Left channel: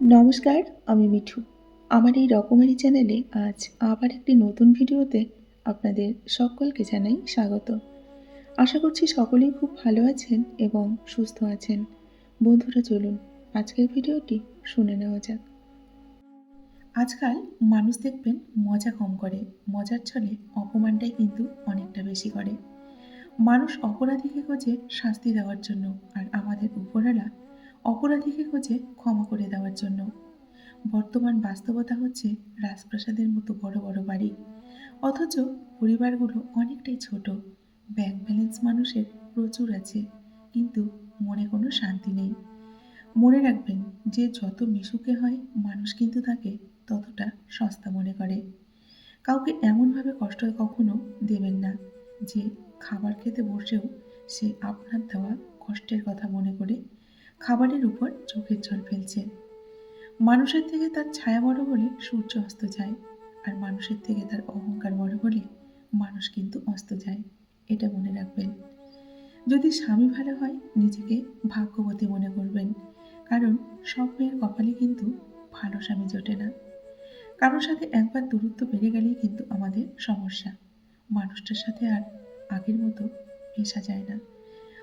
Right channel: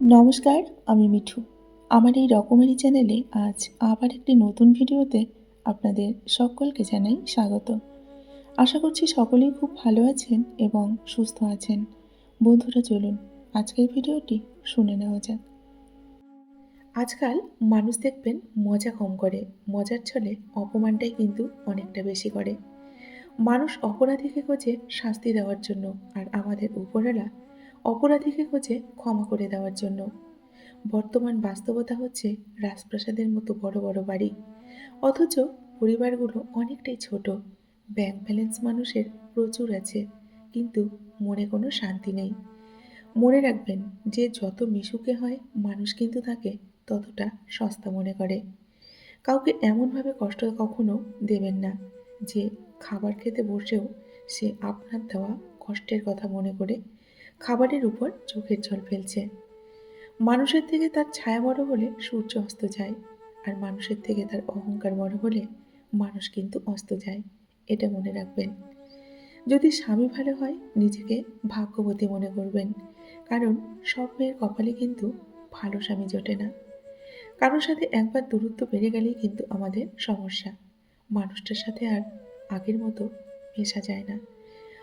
নমস্কার, আমি মিঠু। আমার এই রকমারি চ্যানেলে আজ আবার একটি নতুন ভিডিওতে আপনাদের সকলকে জানাই স্বাগত। আশা করছি সকলেই খুব ভালো আছেন এবং সুস্থ আছেন। বন্ধুরা, চলুন আজকের ভিডিওটি শুনে নেওয়া যাক। আজকাল মানুষ দেখবেন মজা কম করে, মজার ছলে অপমানটাই কিন্তু অনেকটা বেশি করে। মানুষ অপরাধীকে খোঁজে শাস্তি দেওয়ার জন্য আর আমাদের উপরওয়ালা অপরাধীকে খোঁজে ক্ষমা করে দেওয়ার জন্য। বর্তমান বাস্তবতা হচ্ছে রাজপ্রাসাদের মতো বড় বড় বাড়ি। অথচ পরিবারগুলো অনেকটাই ছোট। ব্যাংক ব্যালেন্স মানুষের প্রচুর আছে, কিন্তু মনে কোনো শান্তি নেই। মনে রাখবেন, যে যত মিশুকে হয়, মানুষ কিন্তু তাকে ততটা সস্তা মনে করে। কাউকে এমনভাবে কষ্ট কখনো দেবেন না, যে খাবার খেতে বসেও সে আপনার দেওয়া কষ্টের কথা মনে করে খাবারের উপর চোখের জল ফেলছে। মানুষের থেকে তার ছায়া বড় হলে সূর্য অস্ত যায়, আর মানুষের থেকে তার অহংকার বড় হলে মানুষ কিন্তু অস্ত যায়, এটা মনে রাখবেন। যদি স্বামী ভালো হয়, নিজেকে ভাগ্যবতী মনে করবেন, কারণ সব মেয়ের কপালে কিন্তু ভালো স্বামী জোটে না। কারোর সাথে একবার দূরত্ব বেড়ে গেলেই কিন্তু আমাদের সমস্যা। মানুষটার সাথে আর আগের মতো মেশা যায় না।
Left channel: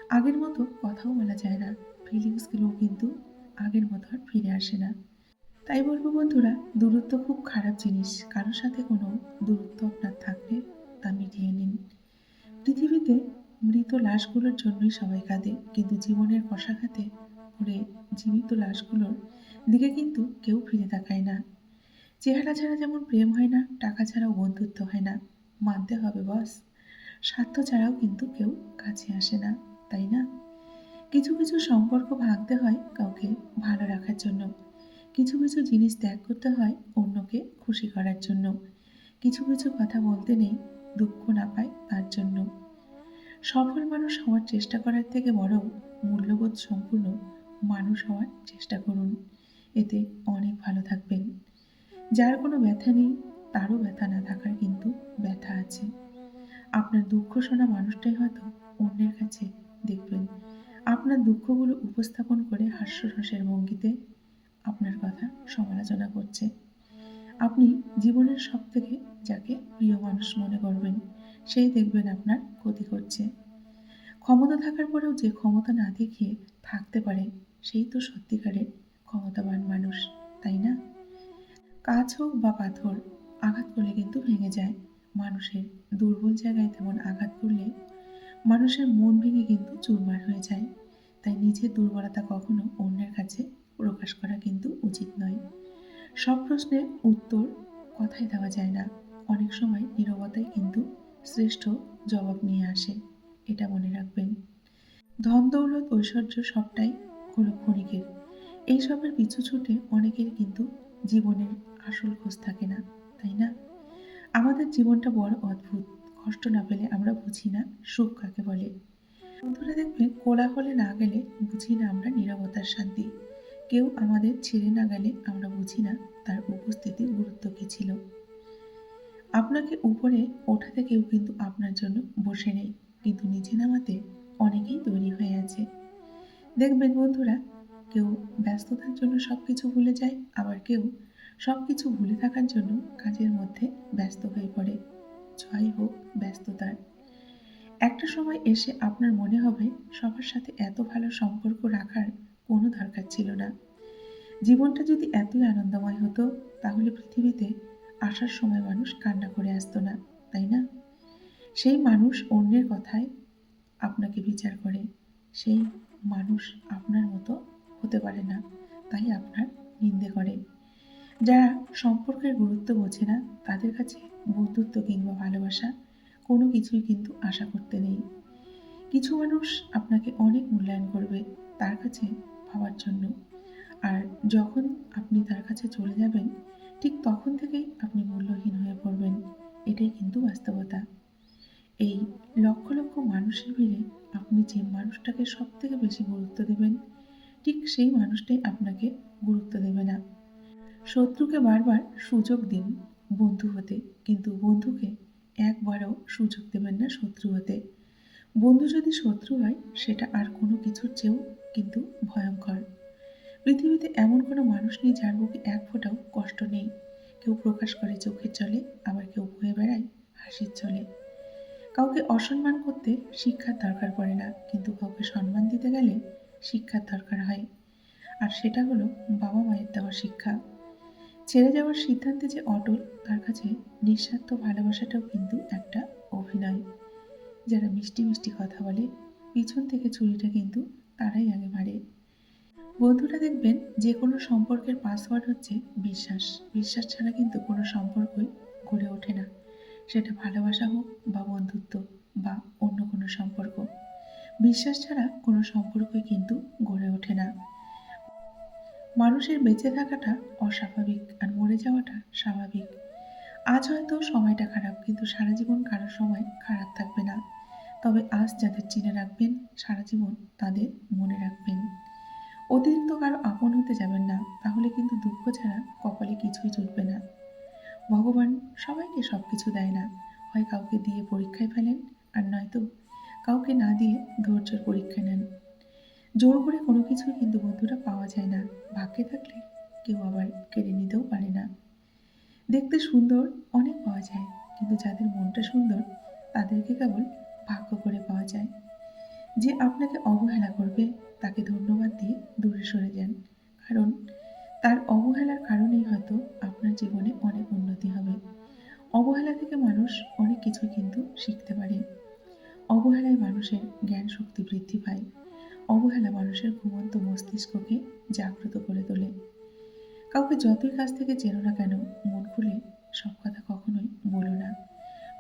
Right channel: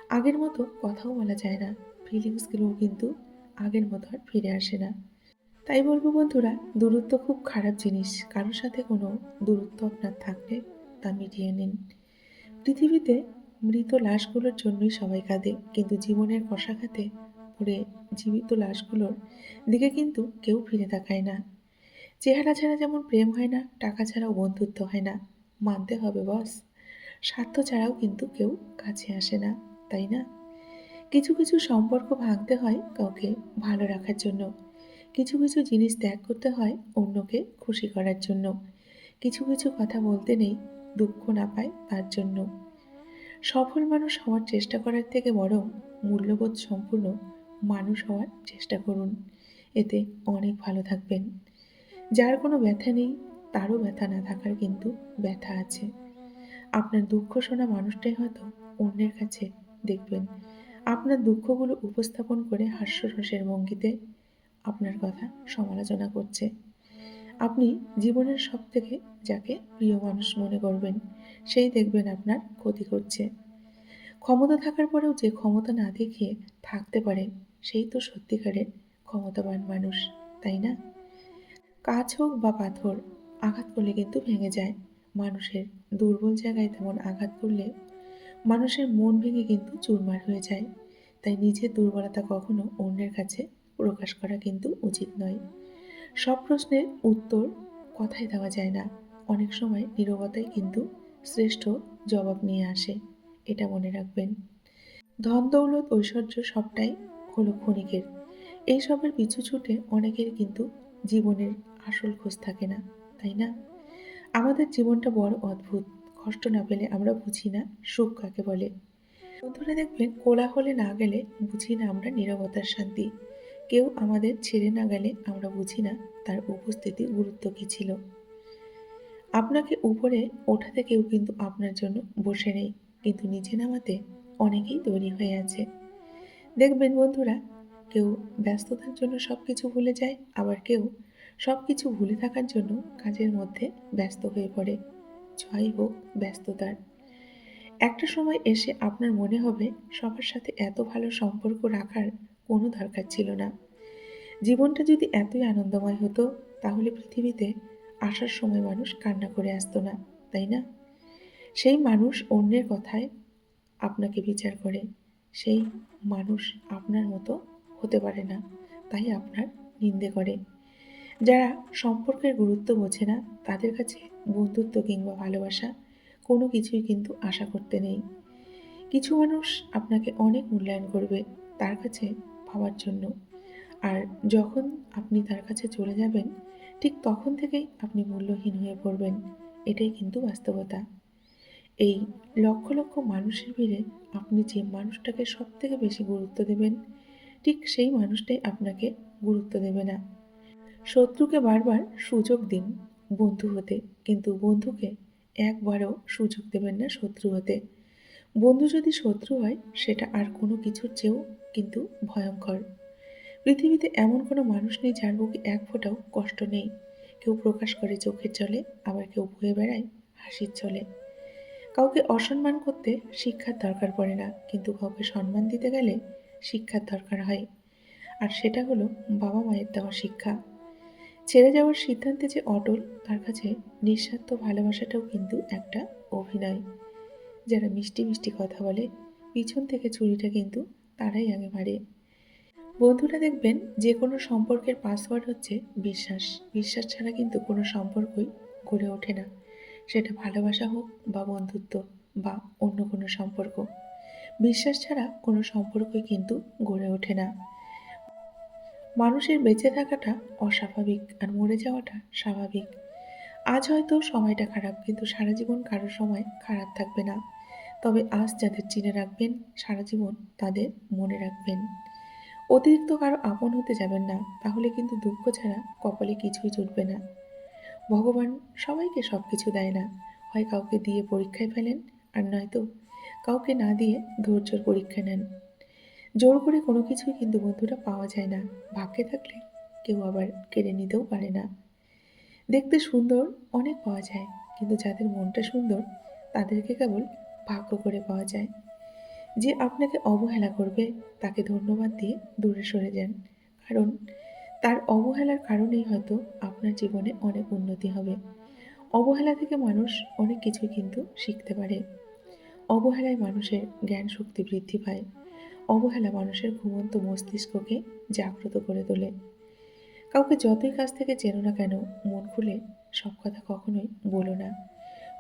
আগের মতো কথাও বলা যায় না। ফিলিংসগুলোও কিন্তু আগের মতো আর ফিরে আসে না। তাই বলব বন্ধুরা, দূরত্ব খুব খারাপ জিনিস। কারোর সাথে কোনো দূরত্ব আপনার থাকলে তা মিটিয়ে নিন। পৃথিবীতে মৃত লাশগুলোর জন্যই সবাই কাঁদে, কিন্তু জীবনের কষাঘাতে পড়ে জীবিত লাশগুলোর দিকে কিন্তু কেউ ফিরে তাকায় না। চেহারা ছাড়া যেমন প্রেম হয় না, টাকা ছাড়াও বন্ধুত্ব হয় না। মানতে হবে, বস। স্বার্থ ছাড়াও কিন্তু কেউ কাছে আসে না, তাই না? কিছু কিছু সম্পর্ক ভাঙতে হয় কাউকে ভালো রাখার জন্য। কিছু কিছু জিনিস ত্যাগ করতে হয় অন্যকে খুশি করার জন্য। কিছু কিছু কথা বলতে নেই, দুঃখ না পায় তার জন্য। সফল মানুষ হওয়ার চেষ্টা করার থেকে বরং মূল্যবোধ সম্পূর্ণ মানুষ হওয়ার চেষ্টা করুন। এতে অনেক ভালো থাকবেন। যার কোনো ব্যথা নেই, তারও ব্যথা না থাকার কিন্তু ব্যথা আছে। আপনার দুঃখ শোনা মানুষটাই হয়তো অন্যের কাছে দেখবেন। আপনার দুঃখগুলো উপস্থাপন করে হাস্যরসের ভঙ্গিতে আপনার কথা সমালোচনা করছে। আপনি জীবনের সব থেকে যাকে প্রিয় মানুষ মনে করবেন, সেই দেখবেন আপনার ক্ষতি করছে। ক্ষমতা থাকার পরেও যে ক্ষমতা না দেখিয়ে থাকতে পারে, সেই তো সত্যিকারের ক্ষমতাবান মানুষ, তাই না? কাজ হোক বা পাথর আঘাত করলে কিন্তু ভেঙে যায়। মানুষের দুর্বল জায়গায় তেমন আঘাত করলে মানুষের মন ভেঙে কিন্তু চুরমার হয়ে যায়। তাই নিজের দুর্বলতা কখনো অন্যের কাছে প্রকাশ করা কিন্তু উচিত নয়। সব প্রশ্নের উত্তর কথায় দেওয়া যায় না। অনেক সময় নীরবতাই কিন্তু শ্রেষ্ঠ জবাব নিয়ে আসে। এটা মনে রাখবেন। ধন, দৌলত, ঐশ্বর্য সবটাই হলো ক্ষণিকের। এইসবের পিছু ছুটে অনেকের কিন্তু জীবনের আসল খোঁজ থাকে না, তাই না? আমাদের জীবনটা বড় অদ্ভুত। কষ্ট না পেলে আমরা বুঝি না, সুখ কাকে বলে? বন্ধুরা দেখবেন, কোলাহলে না গেলে বুঝি না আমরা নিরবতার শান্তি। কেউ আমাদের ছেড়ে না গেলে আমরা বুঝি না তার উপস্থিতি গুরুত্ব কী ছিল। আপনাকে উপরে ওঠাতে কেউ কিন্তু আপনার জন্য বসে নেই, কিন্তু নিচে নামাতে অনেকেই তৈরি হয়ে আছে। দেখবেন বন্ধুরা, কেউ ব্যস্ততার জন্য সব কিছু ভুলে যায়, আবার কেউ সব কিছু ভুলে থাকার জন্য কাজের মধ্যে ব্যস্ত হয়ে পড়ে। জয় হোক, ব্যস্ততার। একটা সময় এসে আপনার মনে হবে সবার সাথে এত ভালো সম্পর্ক রাখার কোনো দরকার ছিল না। জীবনটা যদি এতই আনন্দময় হতো, তাহলে পৃথিবীতে আসার সময় মানুষ কান্না করে আসতো না, তাই না? সেই মানুষ অন্যের কথায় আপনাকে বিচার করে, সেই মানুষ আপনার মতো হতে পারে না, তাই আপনার নিন্দে করে। যারা সম্পর্কের গুরুত্ব বোঝে না, তাদের কাছে বন্ধুত্ব কিংবা ভালোবাসা কোনো কিছুই কিন্তু আশা করতে নেই। কিছু মানুষ আপনাকে অনেক মূল্যায়ন করবে তার কাছে ভাবার জন্য। আর যখন আপনি তার কাছে চলে যাবেন, ঠিক তখন থেকেই আপনি মূল্যহীন হয়ে পড়বেন। এটাই কিন্তু বাস্তবতা। এই লক্ষ লক্ষ মানুষের ভিড়ে আপনি যে মানুষটাকে সব থেকে বেশি গুরুত্ব দেবেন, ঠিক সেই মানুষটাই আপনাকে গুরুত্ব দেবে না। শত্রুকে বারবার সুযোগ দিন বন্ধু হতে, কিন্তু বন্ধুকে একবারও সুযোগ দেবেন না শত্রু হতে। বন্ধু যদি শত্রু হয়, সেটা আর কোনো কিছুর চেয়েও কিন্তু ভয়ঙ্কর। পৃথিবীতে এমন কোনো মানুষ নেই যার বুকে এক ফোঁটাও কষ্ট নেই। কেউ প্রকাশ করে চোখের জলে, আবার কেউ বয়ে বেড়ায় হাসির চলে কাউকে অসম্মান করতে শিক্ষার দরকার পড়ে না, কিন্তু কাউকে সম্মান দিতে গেলে শিক্ষার দরকার হয়। আর সেটা হলো বাবা মায়ের দেওয়া শিক্ষা। ছেড়ে যাওয়ার সিদ্ধান্তে যে অটল, তার কাছে নিঃস্বার্থ ভালোবাসাটাও কিন্তু একটা অভিনয়। যারা মিষ্টি মিষ্টি কথা বলে, পিছন থেকে ছুরিটা কিন্তু তারাই আগে মারে বন্ধুরা দেখবেন, যে কোনো সম্পর্কের পাসওয়ার্ড হচ্ছে বিশ্বাস। বিশ্বাস ছাড়া কিন্তু কোনো সম্পর্কই গড়ে ওঠে না। সেটা ভালোবাসা হোক বা বন্ধুত্ব বা অন্য কোনো সম্পর্ক। বিশ্বাস ছাড়া কোনো সম্পর্কই কিন্তু গড়ে ওঠে না। মানুষের বেঁচে থাকাটা অস্বাভাবিক আর মরে যাওয়াটা স্বাভাবিক। আজ হয়তো সময়টা খারাপ, কিন্তু সারা জীবন কারোর সময় খারাপ থাকবে না। তবে আজ যাদের চিনে রাখবেন, সারা জীবন তাদের মনে রাখবেন। অতিরিক্ত কারও আপন হতে যাবেন না, তাহলে কিন্তু দুঃখ ছাড়া কপালে কিছুই জুটবে না। ভগবান সবাইকে সব কিছু দেয় না। হয় কাউকে দিয়ে পরীক্ষায় ফেলেন, আর নয়তো কাউকে না দিয়ে ধৈর্যর পরীক্ষা নেন। জোর করে কোনো কিছুই কিন্তু বন্ধুরা পাওয়া যায় না। ভাগ্যে থাকলে কেউ আবার কেড়ে নিতেও পারে না। দেখতে সুন্দর অনেক পাওয়া যায়, কিন্তু যাদের মনটা সুন্দর, তাদেরকে কেবল ভাগ্য করে পাওয়া যায়। যে আপনাকে অবহেলা করবে, তাকে ধন্যবাদ দিয়ে দূরে সরে যান। কারণ তার অবহেলার কারণেই হয়তো আপনার জীবনে অনেক উন্নতি হবে। অবহেলা থেকে মানুষ অনেক কিছু কিন্তু শিখতে পারে। অবহেলায় মানুষের জ্ঞান শক্তি বৃদ্ধি পায়। অবহেলা মানুষের ঘুমন্ত মস্তিষ্ককে জাগ্রত করে তোলে। কাউকে যতই কাছ থেকে চেনো না কেন, মন খুলে সব কথা কখনোই বলো না।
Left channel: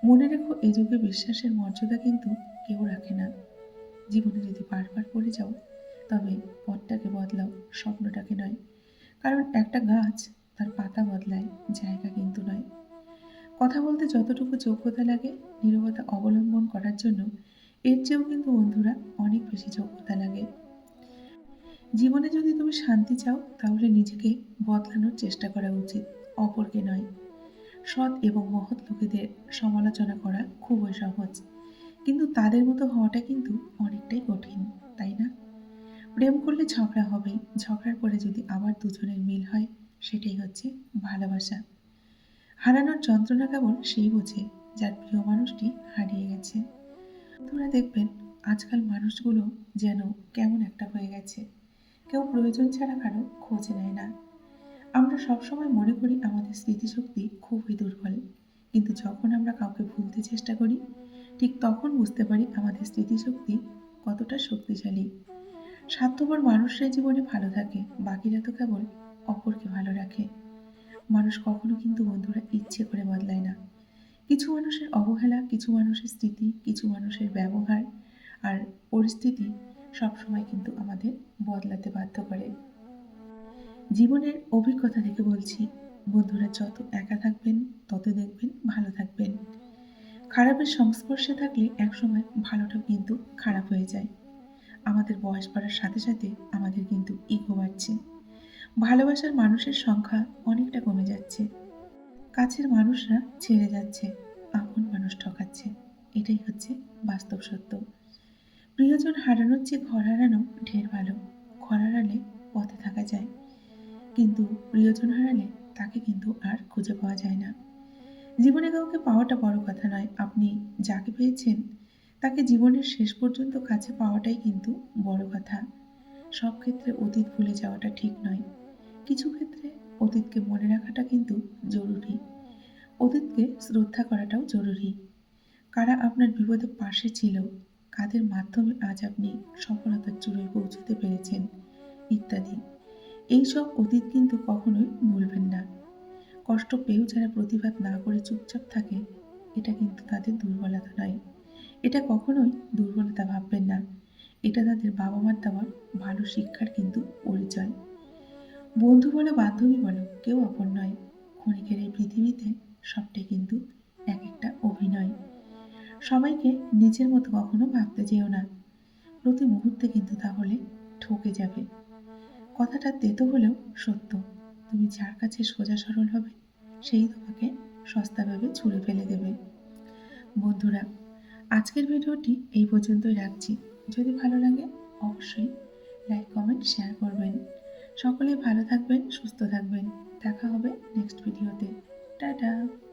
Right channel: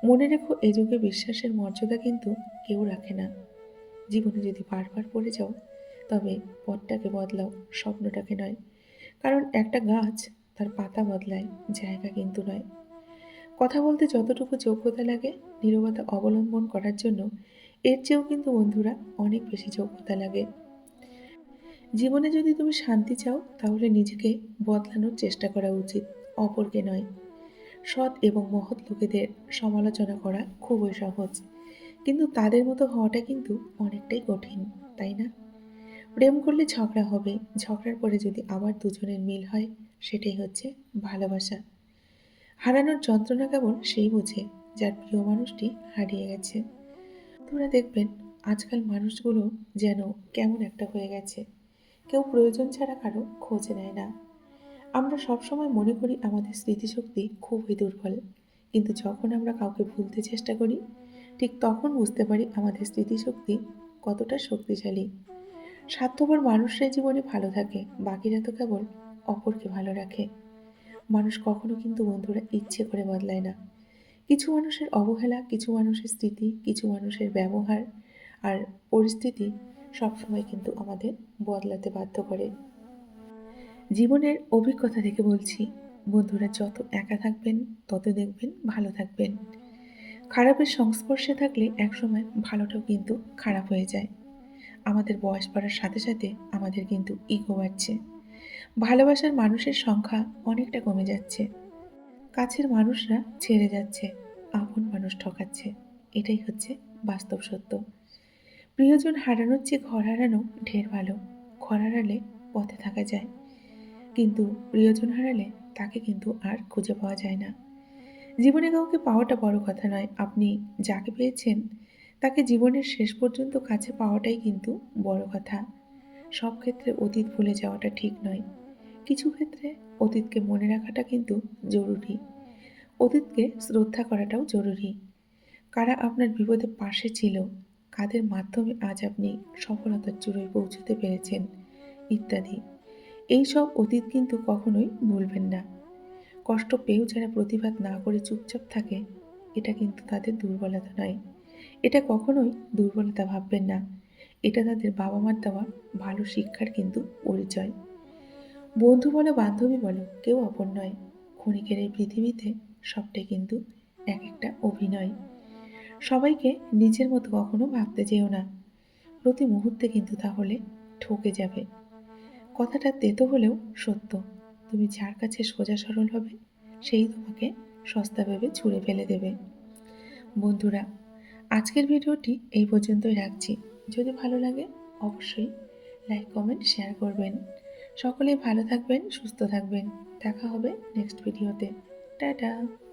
মনে রেখো, এ যুগে বিশ্বাসের মর্যাদা কিন্তু কেউ রাখে না। জীবনে যদি বারবার পড়ে যাও, তবে পথটাকে বদলাও, স্বপ্নটাকে নয়। কারণ একটা গাছ তার পাতা বদলায়, জায়গা কিন্তু নয়। কথা বলতে যতটুকু যোগ্যতা লাগে, নীরবতা অবলম্বন করার জন্য এর চেয়েও কিন্তু বন্ধুরা অনেক বেশি যোগ্যতা লাগে। জীবনে যদি তুমি শান্তি চাও, তাহলে নিজেকে বদলানোর চেষ্টা করা উচিত, অপরকে নয়। সৎ এবং মহৎ লোকেদের সমালোচনা করা খুবই সহজ। কিন্তু তাদের মতো হওয়াটা কিন্তু অনেকটাই কঠিন, তাই না? প্রেম করলে ঝগড়া হবে, ঝগড়ার পরে যদি আবার দুজনের মিল হয়, সেটাই হচ্ছে ভালোবাসা। হারানোর যন্ত্রণা কেবল সেই বোঝে যার প্রিয় মানুষটি হারিয়ে গেছে। বন্ধুরা দেখবেন, আজকাল মানুষগুলো যেন কেমন একটা হয়ে গেছে। কেউ প্রয়োজন ছাড়া কারও খোঁজ নেয় না। আমরা সবসময় মনে করি আমাদের স্মৃতিশক্তি খুবই দুর্বল। কিন্তু যখন আমরা কাউকে ভুলতে চেষ্টা করি, ঠিক তখন বুঝতে পারি আমাদের স্মৃতিশক্তি কতটা শক্তিশালী। স্বার্থপর মানুষরাই জীবনে ভালো থাকে, বাকিরা তো কেবল অপরকে ভালো রাখে। মানুষ কখনো কিন্তু বন্ধুরা ইচ্ছে করে বদলায় না। কিছু মানুষের অবহেলা, কিছু মানুষের স্মৃতি, কিছু মানুষের ব্যবহার আর পরিস্থিতি সবসময় কিন্তু আমাদের বদলাতে বাধ্য করে। জীবনের অভিজ্ঞতা থেকে বলছি, বন্ধুরা যত একা থাকবেন, তত দেখবেন ভালো থাকবেন। খারাপের সংস্পর্শে থাকলে একসময় ভালোটাও কিন্তু খারাপ হয়ে যায়। আমাদের বয়স বাড়ার সাথে সাথে আমাদের কিন্তু ইগো বাড়ছে। ভালোবাসার মানুষের সংখ্যা অনেকটা কমে যাচ্ছে। কাছের মানুষরা ছেড়ে যাচ্ছে। আপন মানুষ ঠকাচ্ছে। এটাই হচ্ছে বাস্তব সত্য। প্রিয়জন হারানোর চেয়ে ঘর হারানো ঢের ভালো। ঘর হারালে পথে থাকা যায়। কিন্তু প্রিয়জন হারালে তাকে কিন্তু আর খুঁজে পাওয়া যায় না। জীবনে কাউকে পাওয়াটা বড় কথা নয়। আপনি যাকে পেয়েছেন, তাকে জীবনের শেষ পর্যন্ত কাছে পাওয়াটাই কিন্তু বড় কথা। সব ক্ষেত্রে অতীত ভুলে যাওয়াটা ঠিক নয়। কিছু ক্ষেত্রে অতীতকে মনে রাখাটা কিন্তু জরুরি। অতীতকে শ্রদ্ধা করাটাও জরুরি। কারা আপনার বিপদে পাশে ছিল, কাদের মাধ্যমে আজ আপনি সফলতার চূড়ায় পৌঁছতে পেরেছেন, ইত্যাদি। এই সব অতীত কিন্তু কখনোই ভুলবেন না। কষ্ট পেয়েও যারা প্রতিবাদ না করে চুপচাপ থাকে, এটা কিন্তু তাদের দুর্বলতা নয়। এটা কখনোই দুর্বলতা ভাববেন না। এটা তাদের বাবা মার দেওয়া ভালো শিক্ষার কিন্তু পরিচয়। বন্ধু বলো, বান্ধবী বলো, কেউ অপর নয়। ক্ষণিকের এই পৃথিবীতে সবটাই কিন্তু এক একটা অভিনয়। সবাইকে নিজের মতো কখনো ভাবতে যেও না। প্রতি মুহূর্তে কিন্তু তাহলে ঠকে যাবে। কথাটা তেতো হলেও সত্য। তুমি যার কাছে সোজা সরল হবে, সেই তোমাকে সস্তাভাবে ছুঁড়ে ফেলে দেবে। বন্ধুরা, আজকের ভিডিওটি এই পর্যন্তই রাখছি। যদি ভালো লাগে, অবশ্যই লাইক কমেন্ট শেয়ার করবেন। সকলে ভালো থাকবেন, সুস্থ থাকবেন। দেখা হবে নেক্সট ভিডিওতে Da-da.